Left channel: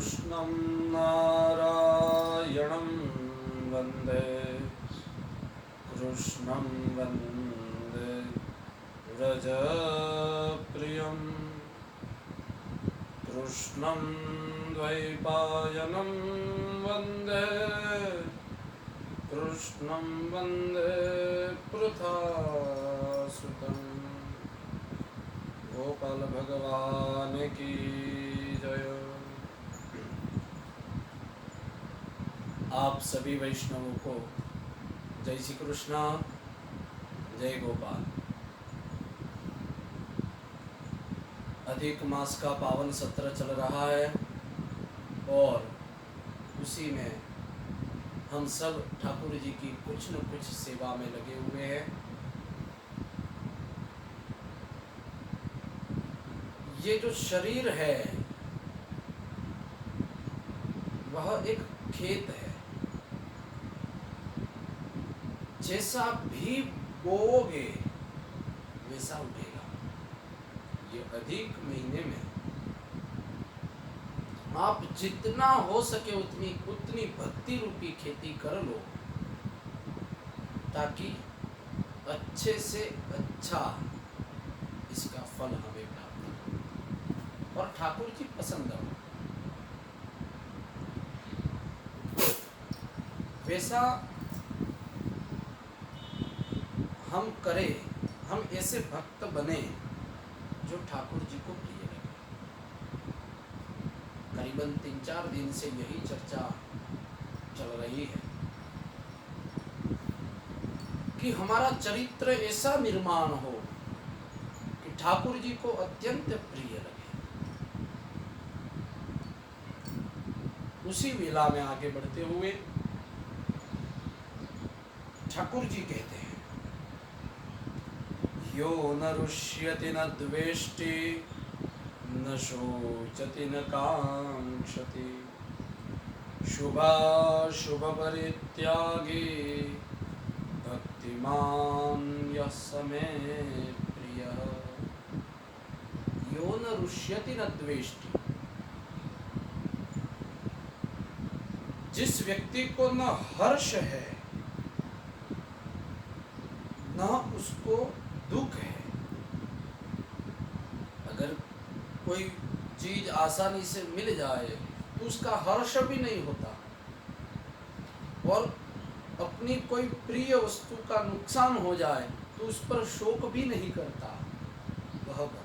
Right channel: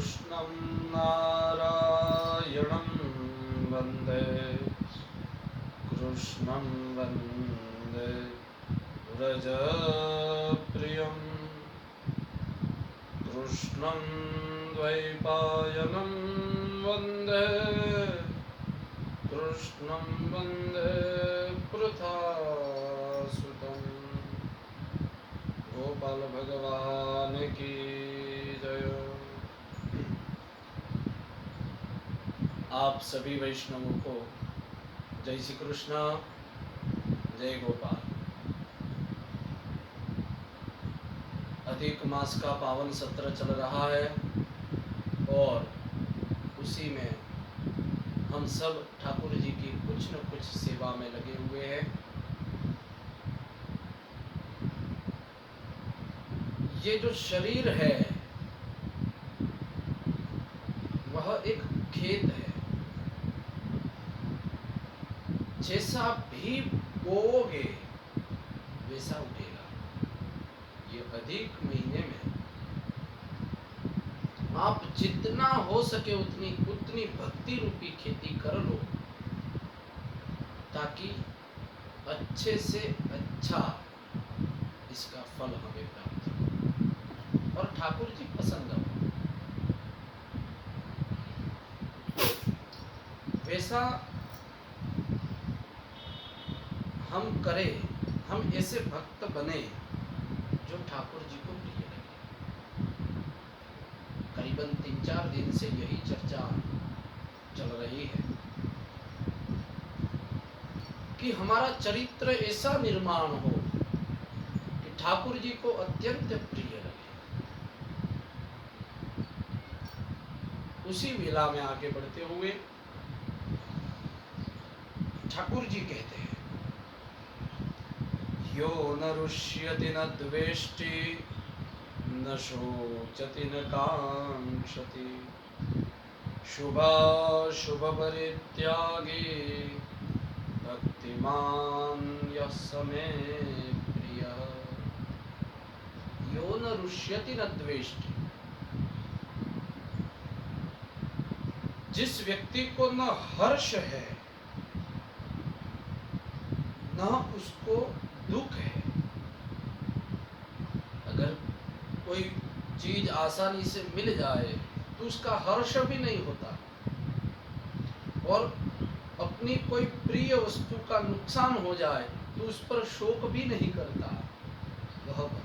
कृष्णं नारायणं वन्दे कृष्णं वन्दे व्रजप्रियं कृष्णं द्वैपायनं वन्दे कृष्णं वन्दे पृथासुतं गोपाल भगवान की जय। आप सभी वैष्णवों को जय श्री कृष्ण, जय गोपाल। अधिक मास का पावन सत्र चल रहा है और उसी में हम सब ठाकुर जी की कुछ न कुछ सेवा में लगे हुए हैं। ये जो शरीर है वह एक खेत है। जैसा भी बोओगे वैसा उठेगा। ये अधिक महीने में आप जितना हो सके उतनी भक्ति रूपी खेती कर लो ताकि अच्छे से अच्छा इसका फल हमें प्राप्त हो और ठाकुर जी पसंद हो। वैसा हम करें, हम ऐसे भक्त बने जो ठाकुर जी को प्रिय लगे। करीबन 3-4 दिन से यही चर्चा चल रही है कि हमारा चरित्र ऐसा निर्माण हो कि ठाकुर जी को अत्यंत प्रिय लगे। उसी वेला में आगे बढ़ते हुए ठाकुर जी कहते हैं, यो न रुष्यति न द्वेष्टि न शोचति न कांक्षति शुभाशुभ परित्यागी भक्तिमान यः स मे प्रियः। यो न रुष्यति न द्वेष्टि, जिस व्यक्ति को न हर्ष है न उसको दुख है। अगर कोई चीज आसानी से मिल जाए तो उसका हर्ष भी नहीं होता और अपनी कोई प्रिय वस्तु का नुकसान हो जाए तो उस पर शोक भी नहीं करता वह भक्त।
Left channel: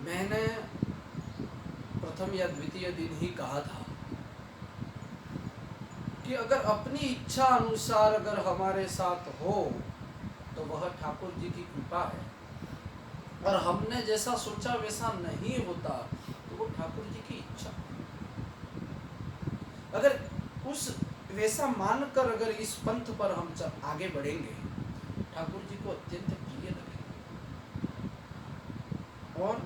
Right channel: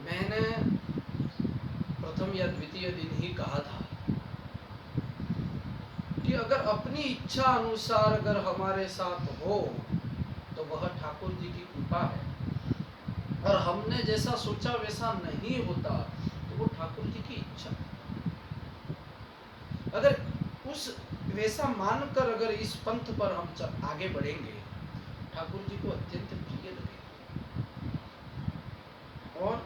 मैंने प्रथम या द्वितीय दिन ही कहा था कि अगर अपनी इच्छा अनुसार अगर हमारे साथ हो तो वह ठाकुर जी की कृपा है और हमने जैसा सोचा वैसा नहीं होता तो वो ठाकुर जी की इच्छा। अगर उस वैसा मानकर अगर इस पंथ पर हम आगे बढ़ेंगे ठाकुर जी को अत्यंत प्रिय लगेगा। और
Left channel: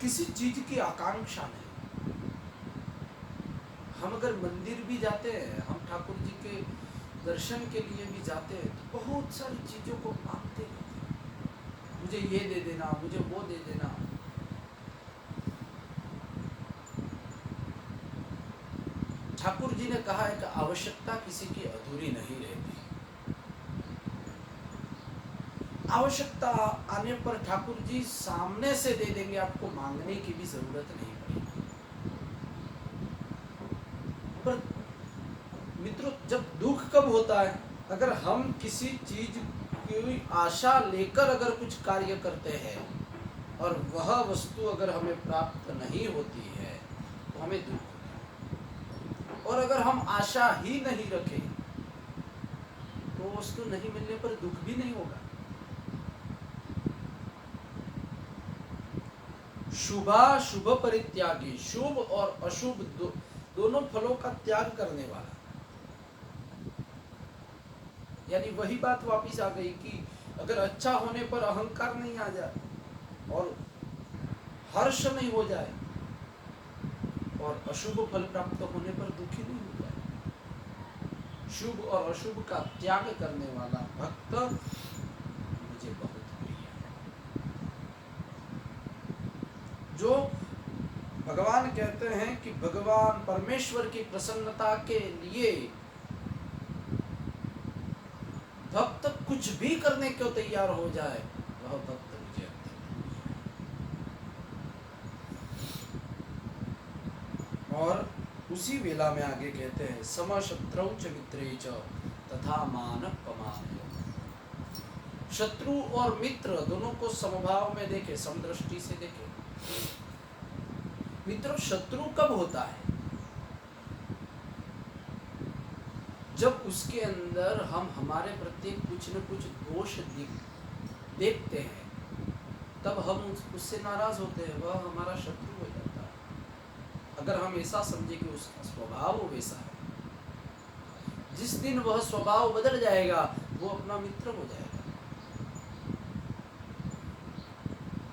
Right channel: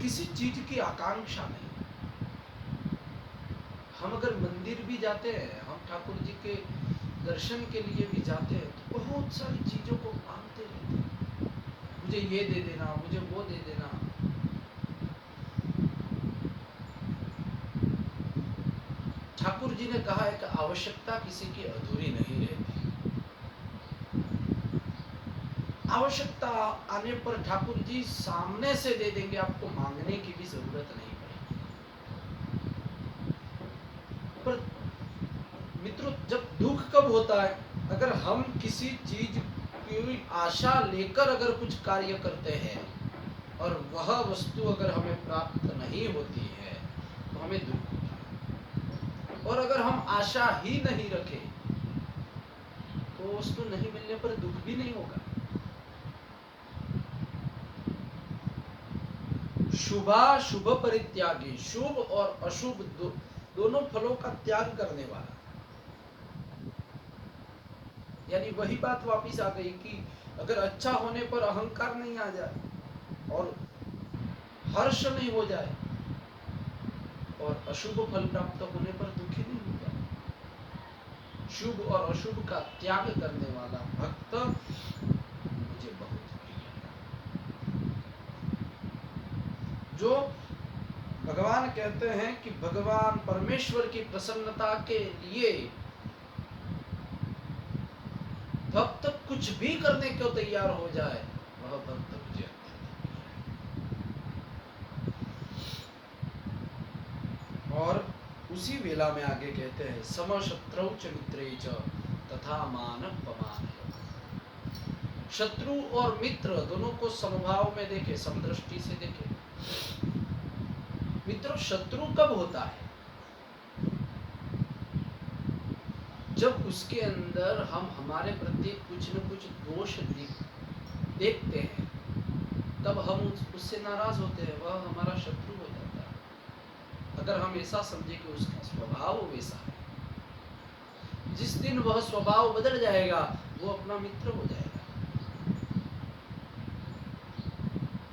किसी चीज की आकांक्षा नहीं। हम अगर मंदिर भी जाते हैं, हम ठाकुर जी के दर्शन के लिए भी जाते हैं तो बहुत सारी चीजों को मांगते रहते हैं, मुझे ये दे देना, मुझे वो दे देना। ठाकुर जी ने कहा है कि आवश्यकता किसी की अधूरी नहीं रहती। आवश्यकता आने पर ठाकुर जी सामने से दे देंगे, आपको मांगने की भी जरूरत नहीं पड़ेगी। पर मित्रों, जब दुख कब होता है? अगर हम किसी चीज की आशा लेकर अगर कुछ कार्य करते हैं और वह वस्तु अगर हमें प्राप्त नहीं होती है तो हमें दुख होता है। और अगर हम आशा ही नहीं रखें तो वस्तु नहीं मिलने पर दुख भी नहीं होगा। शुभाशुभ परित्यागी, शुभ और अशुभ दोनों फलों का त्याग करने वाला। यानी वही बात वापिस आ गई कि अगर अच्छा होने पर अहंकार नहीं आ जाए और हर्ष नहीं हो जाए और अशुभ फल प्राप्त होने पर दुखी नहीं हो जाए। शुभ और अशुभ का त्याग करने वाला भक्त मुझे बहुत प्रिय है। जो भगवान कहते हैं कि भगवान परमेश्वर की प्रसन्नता के लिए भक्त कुछ भी करने को तैयार हो जाए, वह भक्त मुझे अत्यंत प्रिय है। और उसी वेला में आगे कहते हैं समशत्रौ च मित्रे च तथा मानपमानयो। शत्रु और मित्र दोनों को समभाव में देखे, समदृष्टि से देखे। मित्रों, शत्रु कब होता है? जब उसके अंदर हम हमारे प्रति कुछ न कुछ दोष देखते हैं, तब हम उससे नाराज होते हैं, वह हमारा शत्रु हो जाता है। अगर हम ऐसा समझे कि उसका स्वभाव वैसा है, जिस दिन वह स्वभाव बदल जाएगा वो अपना मित्र हो जाएगा।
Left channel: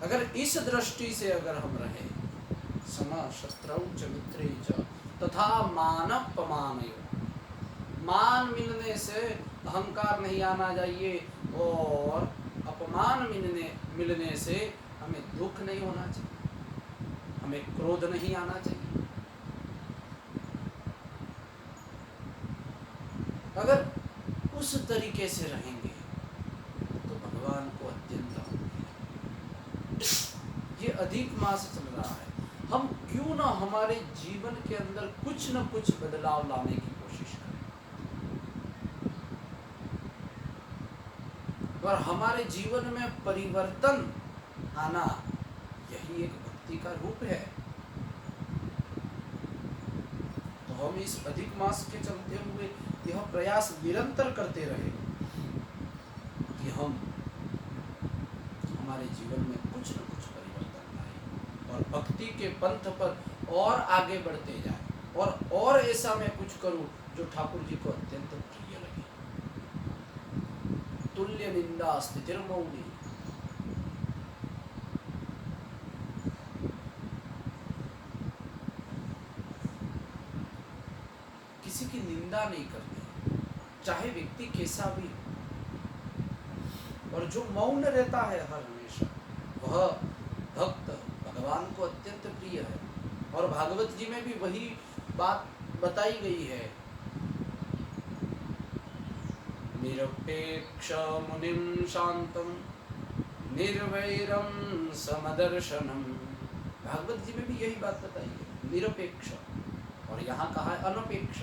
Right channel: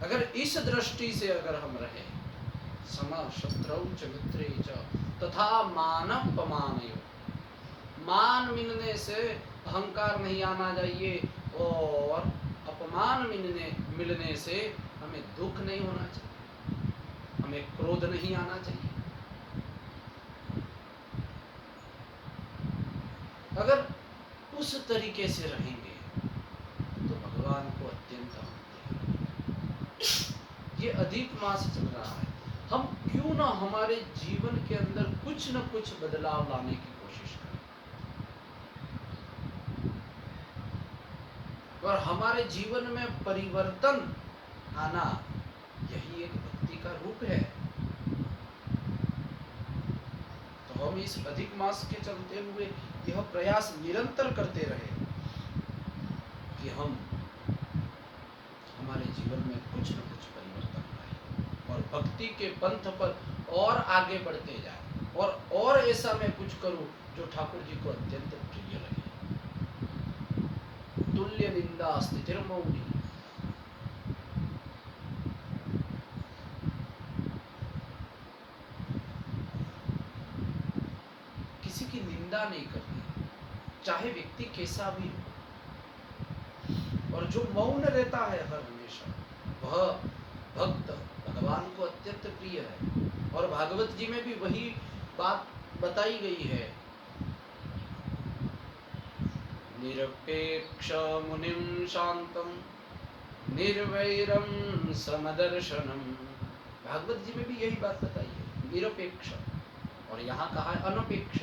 अगर इस दृष्टि से अगर हम रहें, समा शत्रौ च मित्रे च तथा मानपमानयो, मान मिलने से अहंकार नहीं आना चाहिए और अपमान मिलने से हमें दुख नहीं होना चाहिए, हमें क्रोध नहीं आना चाहिए। अगर उस तरीके से रहेंगे तो भगवान को अत्यंत ये अधिक मास चल रहा है, हम क्यों ना हमारे जीवन के अंदर कुछ न कुछ बदलाव लाने की कोशिश करें और हमारे जीवन में परिवर्तन आना, यही एक भक्ति का रूप है। तो हम इस अधिक मास के चलते हुए यह प्रयास निरंतर करते रहे कि हम हमारे जीवन में कुछ न कुछ परिवर्तन लाए और भक्ति के पंथ पर और आगे बढ़ते जाए और ऐसा मैं कुछ करूं जो ठाकुर जी को अत्यंत प्रिय लगे। तुल्य निंदा स्थितिर्मौनी, किसी की निंदा नहीं करनी, चाहे व्यक्ति कैसा भी हो। और जो मौन रहता है हर हमेशा, वह भक्त भगवान को अत्यंत प्रिय है। और भागवत जी में भी वही बात बताई गई है, निरपेक्ष मुनिम शांतम निर्वैरम समदर्शनम। भागवत जी में भी यही बात बताई है, निरपेक्ष, और यहाँ कहा है अनपेक्ष।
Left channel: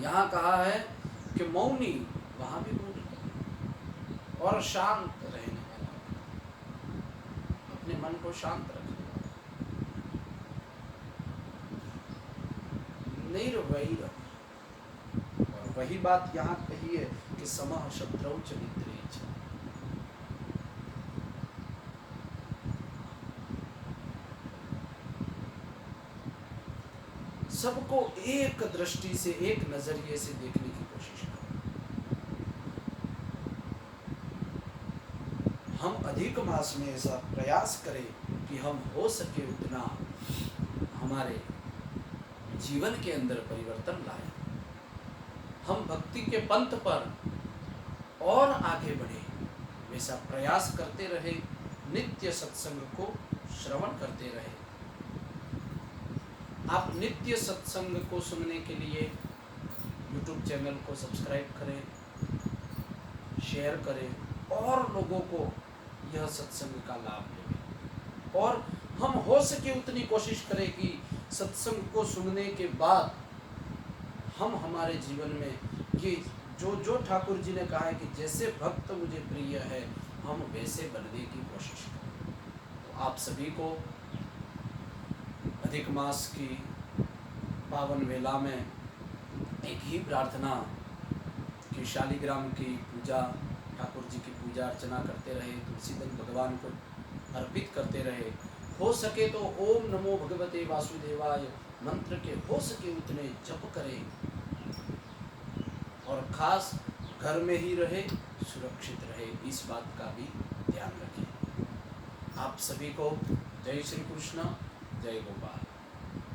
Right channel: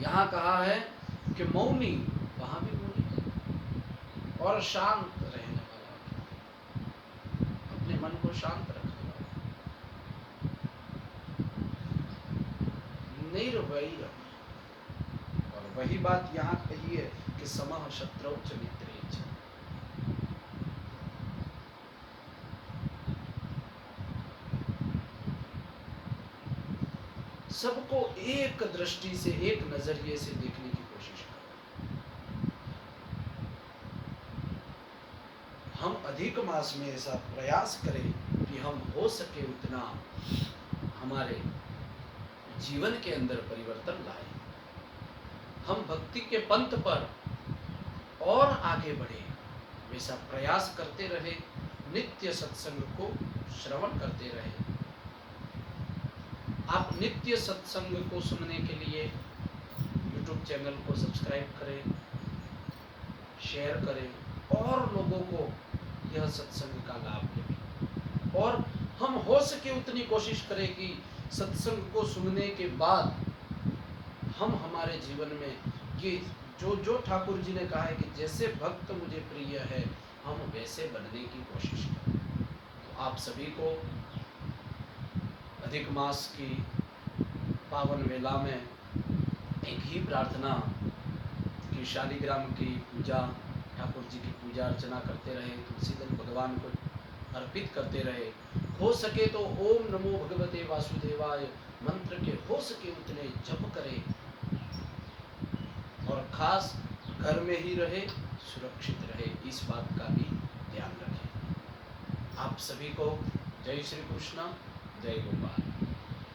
यहाँ कहा है कि मौनी, वहां भी मौनी, और शांत रहने वाला, अपने मन को शांत रखने वाला, निर्वैर। और वही बात यहाँ कही है कि समः शत्रौ च मित्रे च। सबको एक दृष्टि से, एक नजरिए से देखने की कोशिश करें। हम अधिक मास में ऐसा प्रयास करें कि हम हो सके उतना हमारे जीवन के अंदर परिवर्तन लाएं, हम भक्ति के पंथ पर और आगे बढ़े, वैसा प्रयास करते रहे, नित्य सत्संग को श्रवण करते रहे। आप नित्य सत्संग को सुनने के लिए YouTube चैनल को सब्सक्राइब करें, शेयर करें और लोगों को यह सत्संग का लाभ मिले। और हम हो सके उतनी कोशिश करें कि सत्संग को सुनने के बाद हम हमारे जीवन में ये जो ठाकुर जी ने कहा है कि जैसे भक्त मुझे प्रिय है, हम वैसे बनने की कोशिश करें। तो आप सभी को अधिक मास की पावन वेला में एक ही प्रार्थना कि शालिग्राम की पूजा, ठाकुर जी की पूजा अर्चना करते रहे, तुलसीदल भगवान को अर्पित करते रहे। हो सके तो ओम नमो भगवते वासुदेवाय मंत्र के हो सके उतने जप करें और खास घर में ही रहे, सुरक्षित रहे, इस बात का भी ध्यान रखें। आप सभी को जय श्री कृष्ण, जय गोपाल।